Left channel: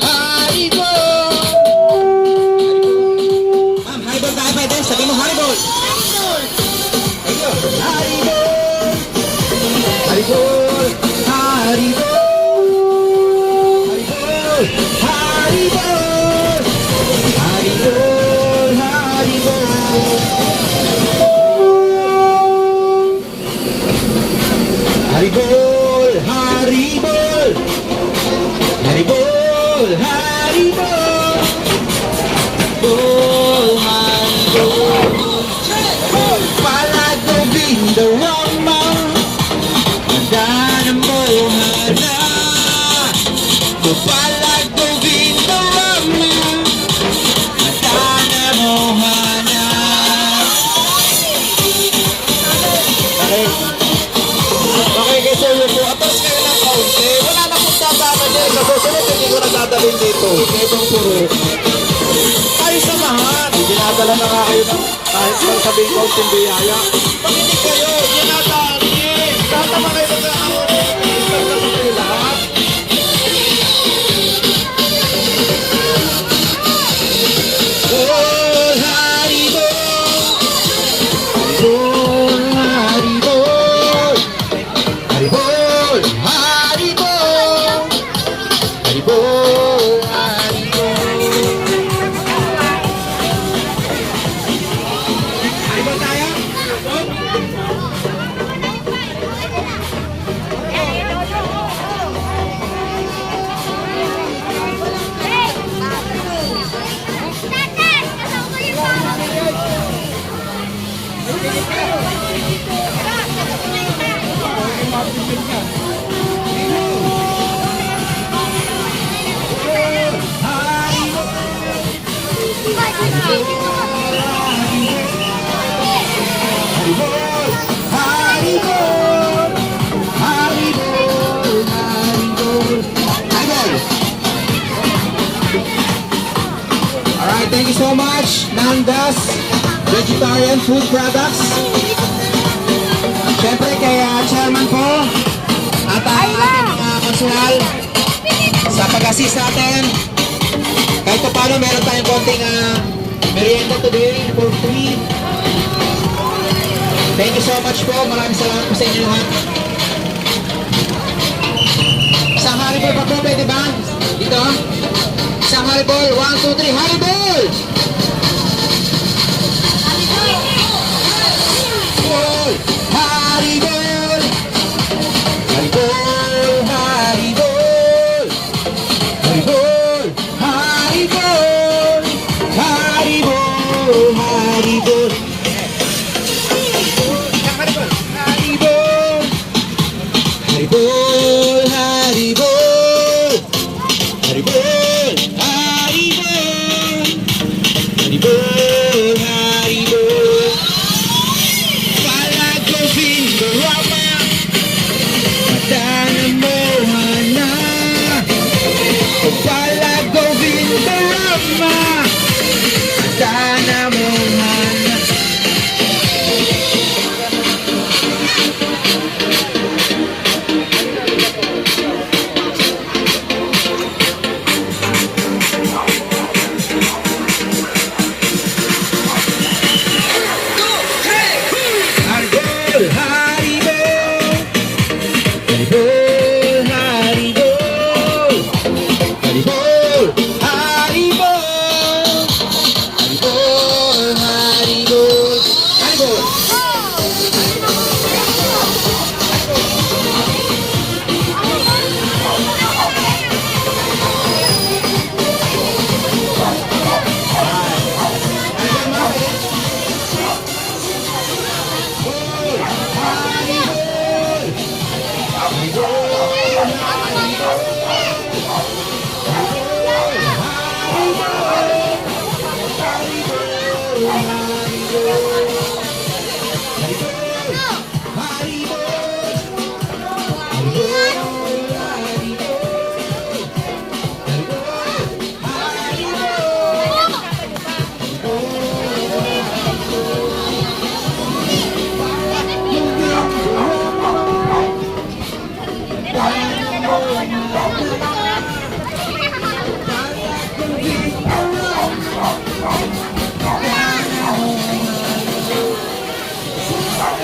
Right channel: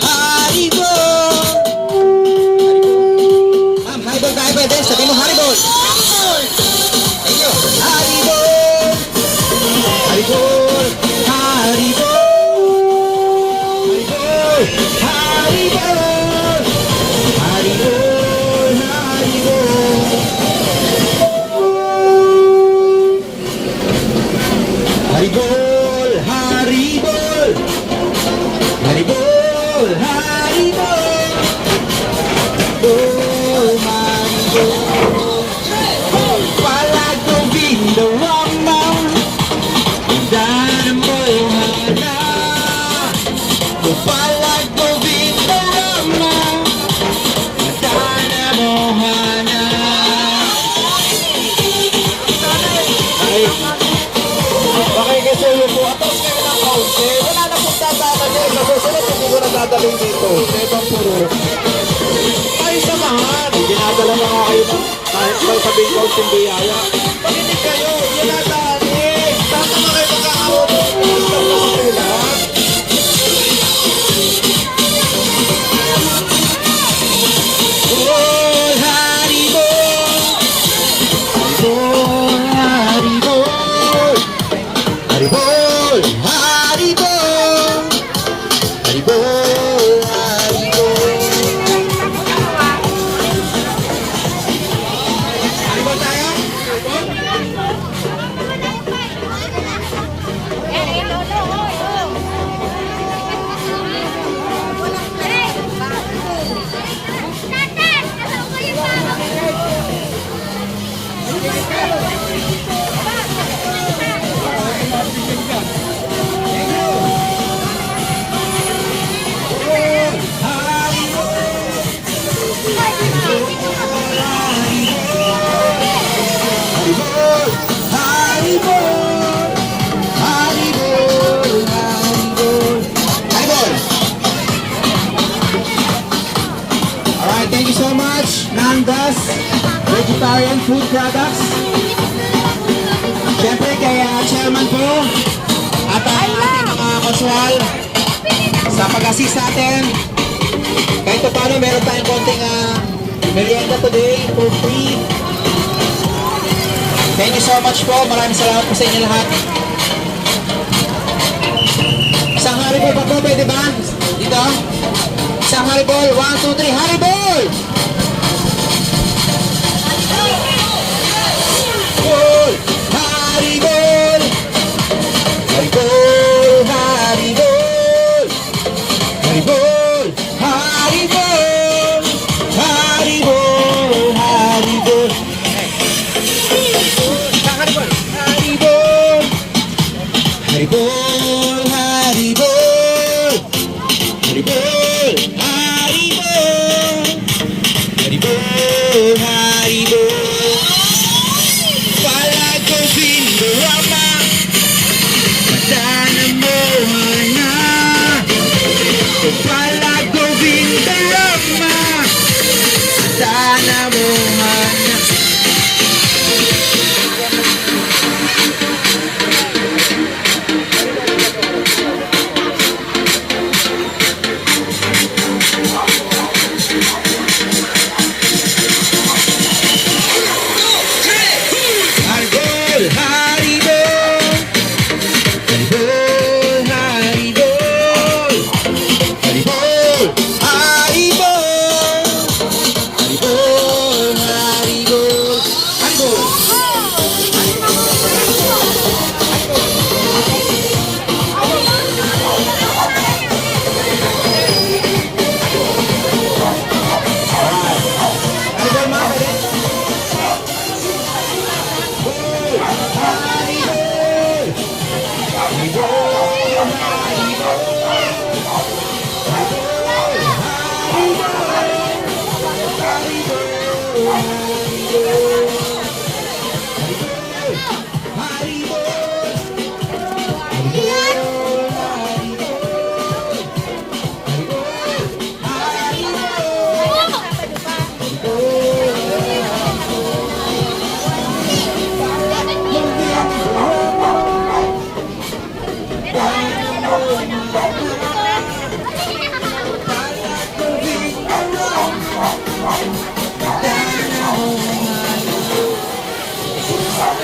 Haribol! Haribol tayo pwede. Sabi mo Haribol. Thank you. Haribol! Haribol! Haribol! Haribol! Haribol! Haribol! Haribol! Haribol! Haribol! Haribol! Oh, Haribol! Palagong Vindorama, Ganda ng mohana. Palagong Vindorama, Ganda ng mohana. Okay, kasi yun po. Atas kayo ng kaunti. Wala na pong tatama niya. Kasosunod, hindi ko nagdadalhin dito. Sa ibang puro. Ay, samahan. Dinadala na nga kayo ng kahit pang sabihin ko yung biyaya. Pakinig kayo. Dinadalhin. Tatama kayo magkakaroon. Stop naman kayo lahat. Oh, Haribol! Haribol! Haribol! Haribol! Haribol! Haribol tayo? Haribol! Haribol! Haribol! Haribol! Haribol! Alright, thank you so much, Nandas Vegetarian Food Products. Siyempre kay Chairman po at ang ating mga kasual sa pag-assist natin. Kahit paano meron tayong konting merienda today for free. Thank you so much po. Maraming salamat po sa inyo lahat. Isang Haribol pa po, pwede ba? Dito. Isang Haribol. 1, 2, 3. Haribol! Haribol! Haribol! Haribol! Haribol! Haribol! Haribol! Haribol! Haribol, Haribol, Haribol, Haribol, Haribol, Haribol. Palagong Vindorama, Ganda ng mohana. Palagong Vindorama, Ganda ng mohana.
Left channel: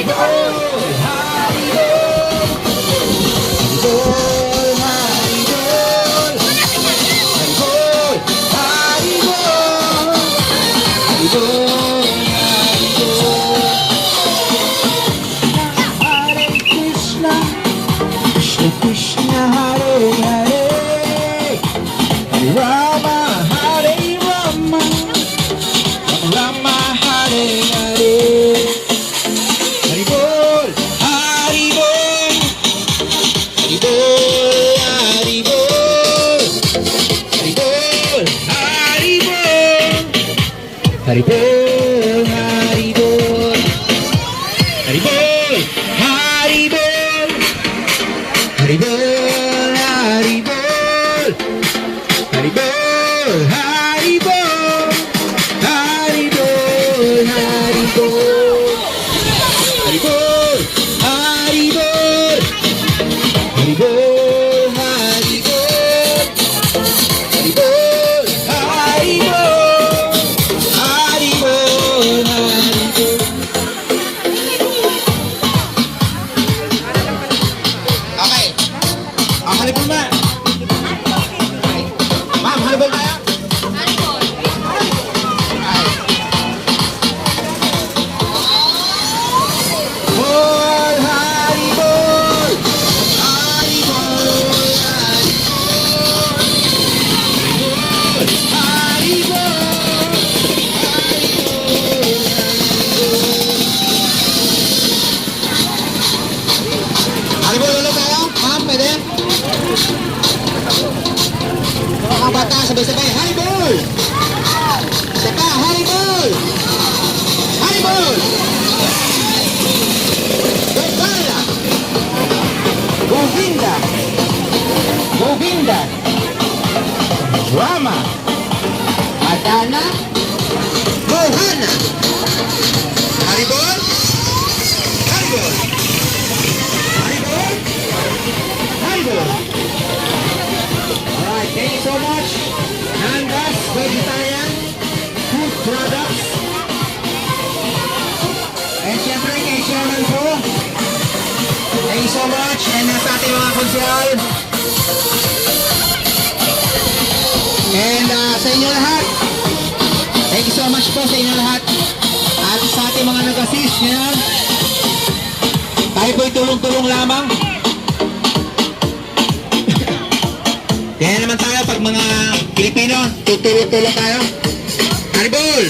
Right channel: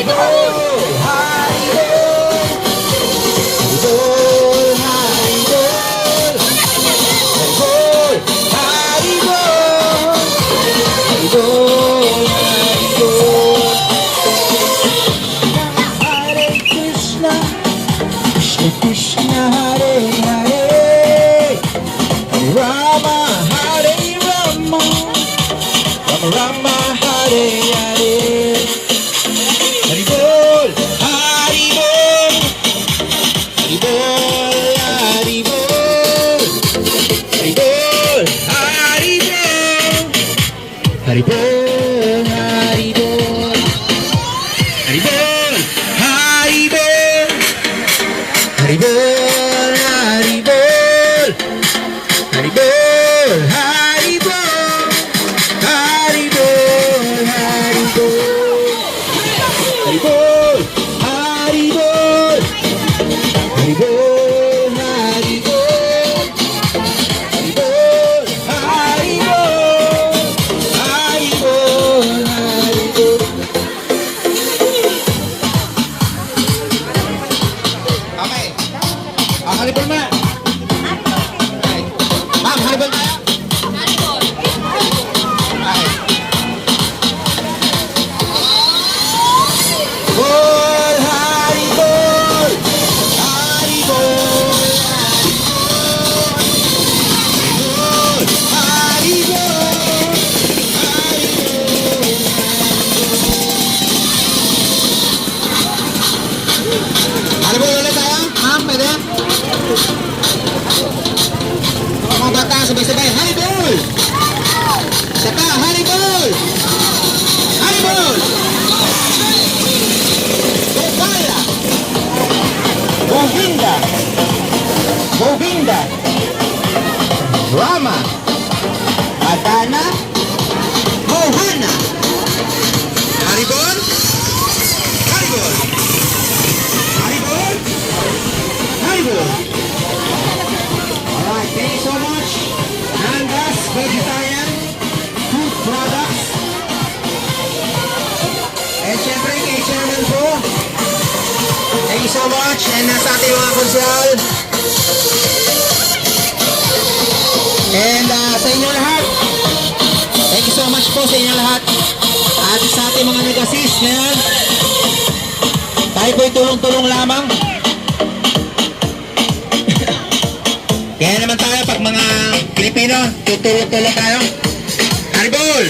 Haribol, Haribol, Haribol, Haribol, Haribol, Haribol, Haribol. Hare Krishna, Krishna Krishna, Hare Hare, Hare Rama, Hare Rama, Rama Rama, Hare Hare. Haribol, Haribol, Haribol, Haribol, Haribol, Haribol, Haribol, Haribol, Haribol, Haribol, Haribol, Haribol, Haribol, Haribol, Haribol, Haribol. Haribol, Haribol, Haribol, Haribol, Haribol, Haribol, Haribol, Okay. Ang haribol na. Ma'am, haribol tayo? Haribol, Haribol, Haribol, Haribol ulit tayo? Ma'am, pwede? Mga bata, sabay-sabay. Haribol! Isa pa, Haribol! Haribol! Gopala! Govinda! Govinda! Rama! Madana! Mohana! Haribol! Haribol! Haribol! Haribol! Alright, thank you so much. Nandas Vegetarian Food Products. And syempre kay Chairman po. Thank you so much. And nasa ating mga konsyal. And sa inyo lahat. Thank you so much po sa inyo lahat. At sa ating mga nag-assist na yan. Tayo po'y tulong-tulong lamang. Kaya naman tayo pag mga Pilipino, tutulong-tulong tayo. Haribol!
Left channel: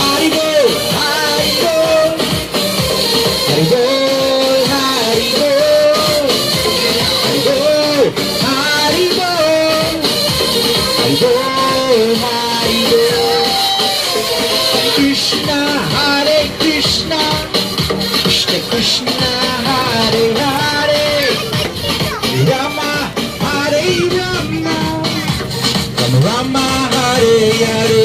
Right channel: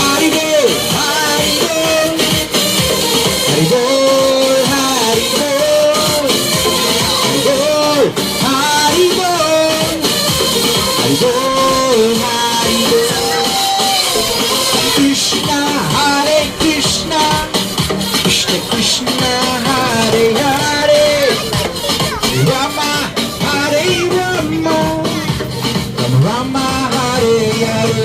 Haribol! Haribol! Haribol! Haribol! Haribol! Haribol! Haribol! Krishna, Hare Krishna, Krishna Krishna, Hare Hare, Rama, Hare Rama, Rama, Hare Hare.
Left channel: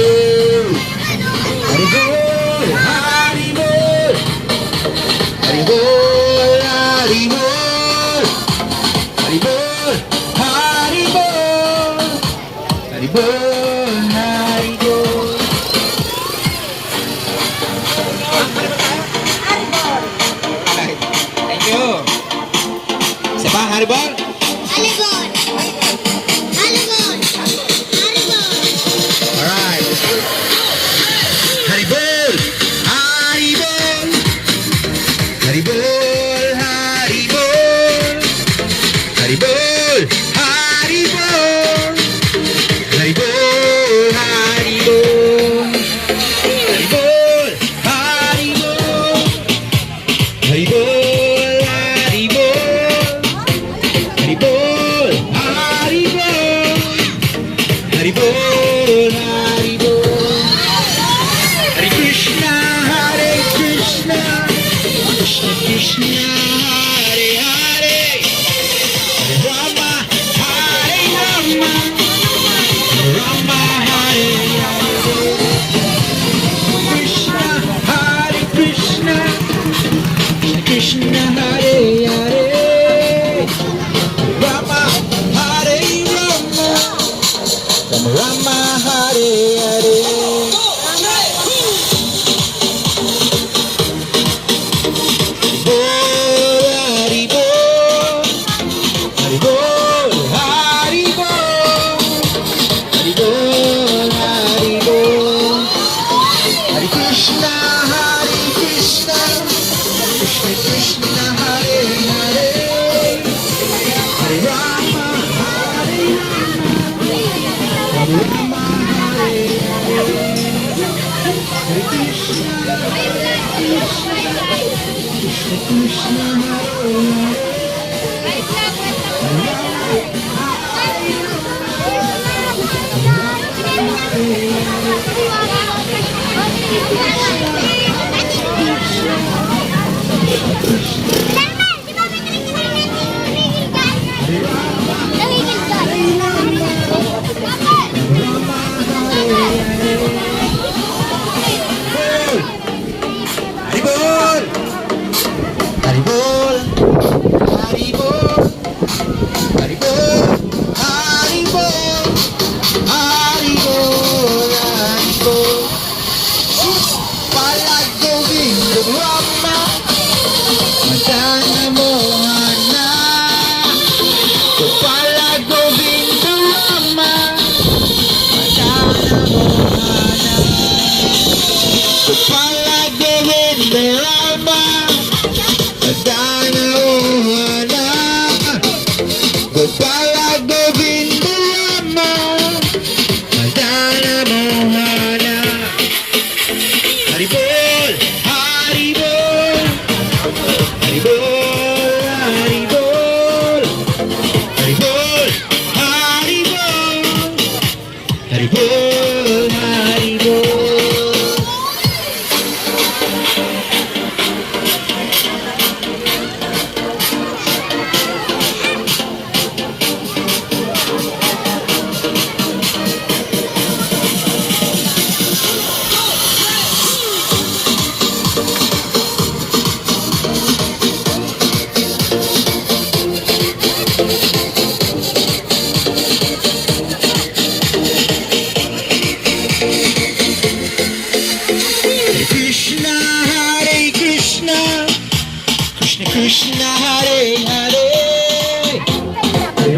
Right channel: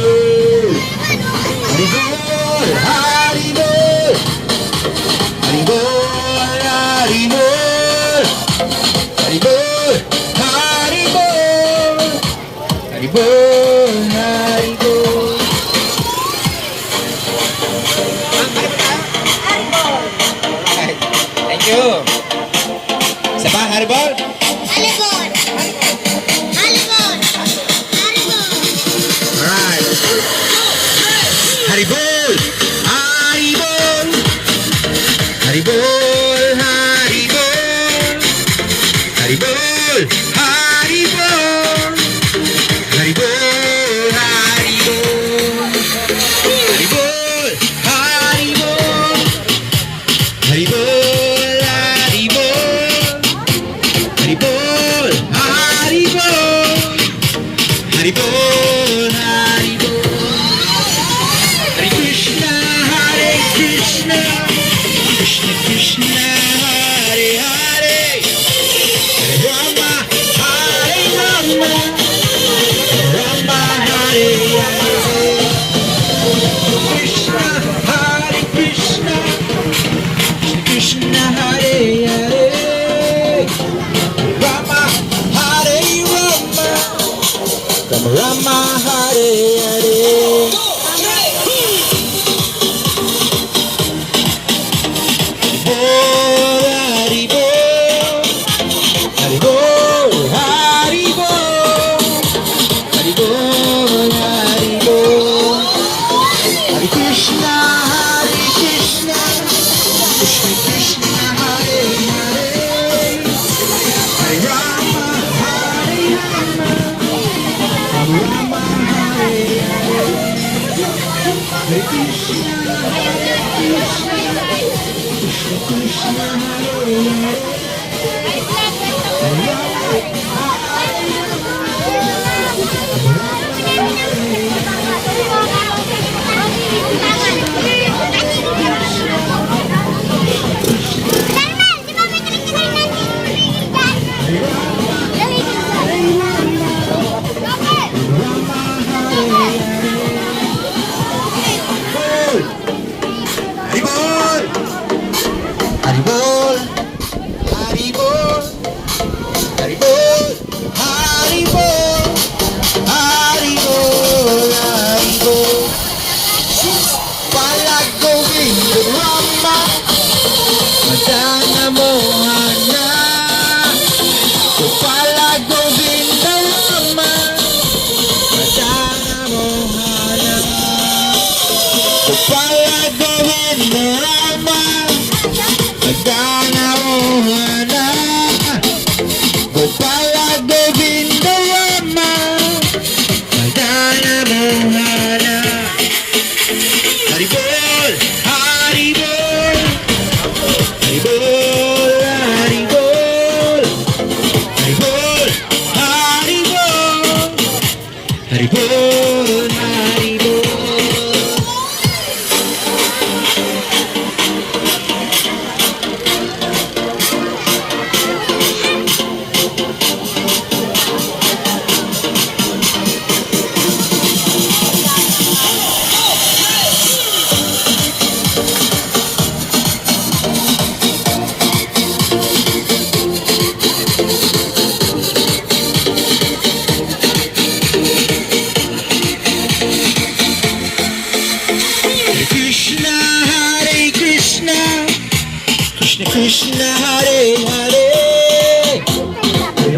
Haribol, Haribol, Haribol, Haribol, Haribol, Haribol, Haribol, Haribol. Thank you. Isa pa, Haribol? Haribol! Haribol! Haribol! Alright. Haribol! Haribol! Haribol! Haribol! Haribol! Haribol! Haribol! Haribol! Haribol! Haribol! Haribol! Haribol! Haribol! Haribol! Haribol! Hare Krishna, Hare Krishna, Krishna Krishna, Hare Hare, Hare Rama, Hare Rama. Haribol! Haribol! Haribol! Haribol! Haribol! Haribol! Haribol! Palagawin mo mama, madanga mo na. Palagawin mo mama, madanga mo na. Palagawin mo mama, madanga mo na. Palagawin mo mama, madanga mo na. Haribol! Haribol! Haribol! Haribol! Haribol! Haribol! Haribol! Haribol! Krishna, Hare Krishna, Krishna Krishna, Hare Hare,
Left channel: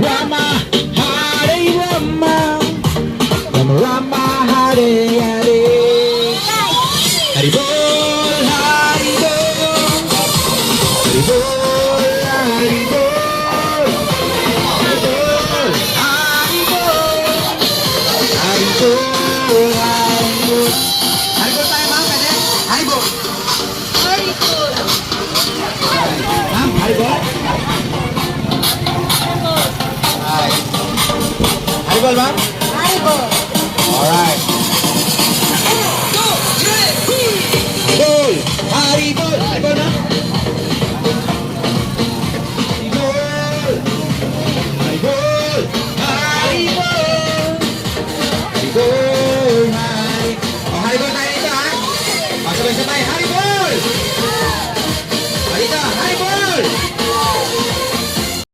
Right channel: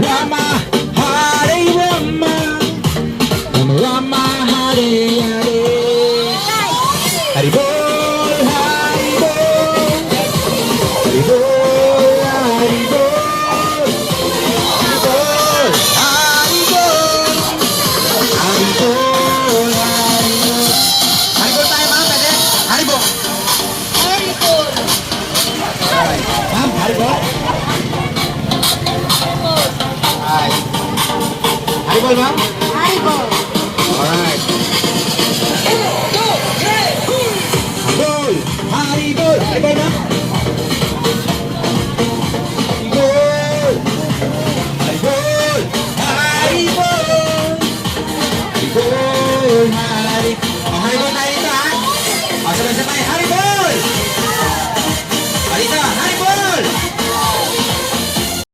Rama, Hare Rama, Rama Rama, Hare Hare. Haribol, Haribol, Haribol, Haribol, Haribol, Haribol, Haribol, Haribol. Haribol tayo mga pwede? Haribol. Ma'am, haribol? Haribol, ma'am?